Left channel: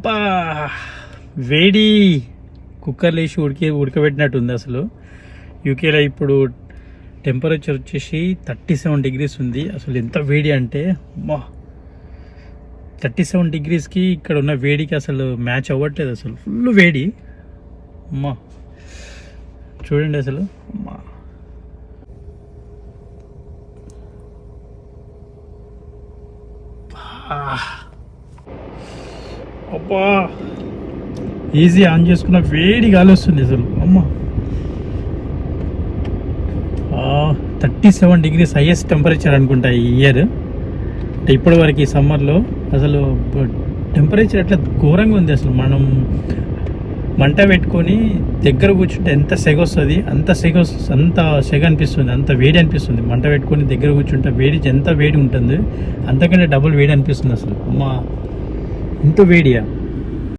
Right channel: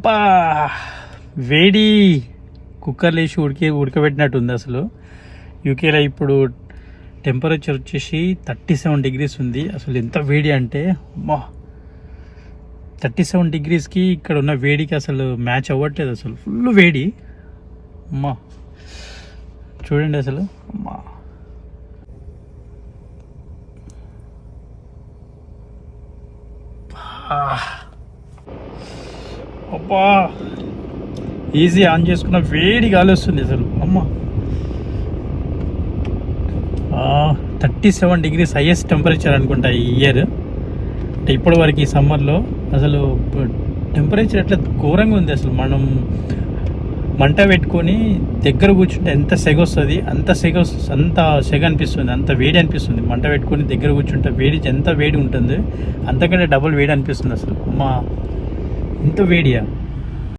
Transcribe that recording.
అబ్బా వేడి కుక్కర్లో వేసి ఉడకబెట్టినట్టుంది అసలు. యూకేలో ఇప్పుడు టెంపరేచర్ వచ్చేసి 37 degrees ఉంది. అసలు ఎంత వేడి అంటే 37 degreesకి ఇక్కడ ఉన్న వేడికి అసలు మ్యాచ్ అవ్వట్లేదు. అసలు ఫుల్ వేడి అమ్మా, చూడండి అసలు అమ్మా. అబ్బా ఈజీ ఆన్ చేసుకున్న వేడి గాలి వస్తుంది అసలు అమ్మ. 37 degrees హైయెస్ట్ టెంపరేచర్ అనుకుంటా ఈ ఇయర్. అంటే ఇప్పటి వరకు ఈ సమ్మర్లో అసలు టెంపరేచర్ అట్లా ఘోరంగా ఉంది. అసలు మనం మంట పెట్టుకొని దగ్గర కూర్చుంటే ఎంత సెగ వస్తుంది, అంత సెగ అనిపిస్తుంది, అంత వేడి అనిపిస్తుంది. మంట పెట్టుకొని దగ్గర కూర్చుంటే ఎంత వేడి ఉంటుంది, అంతకంటే డబుల్ వేడి అనిపిస్తుంది అసలు అమ్మ. ఎంత వేడియా.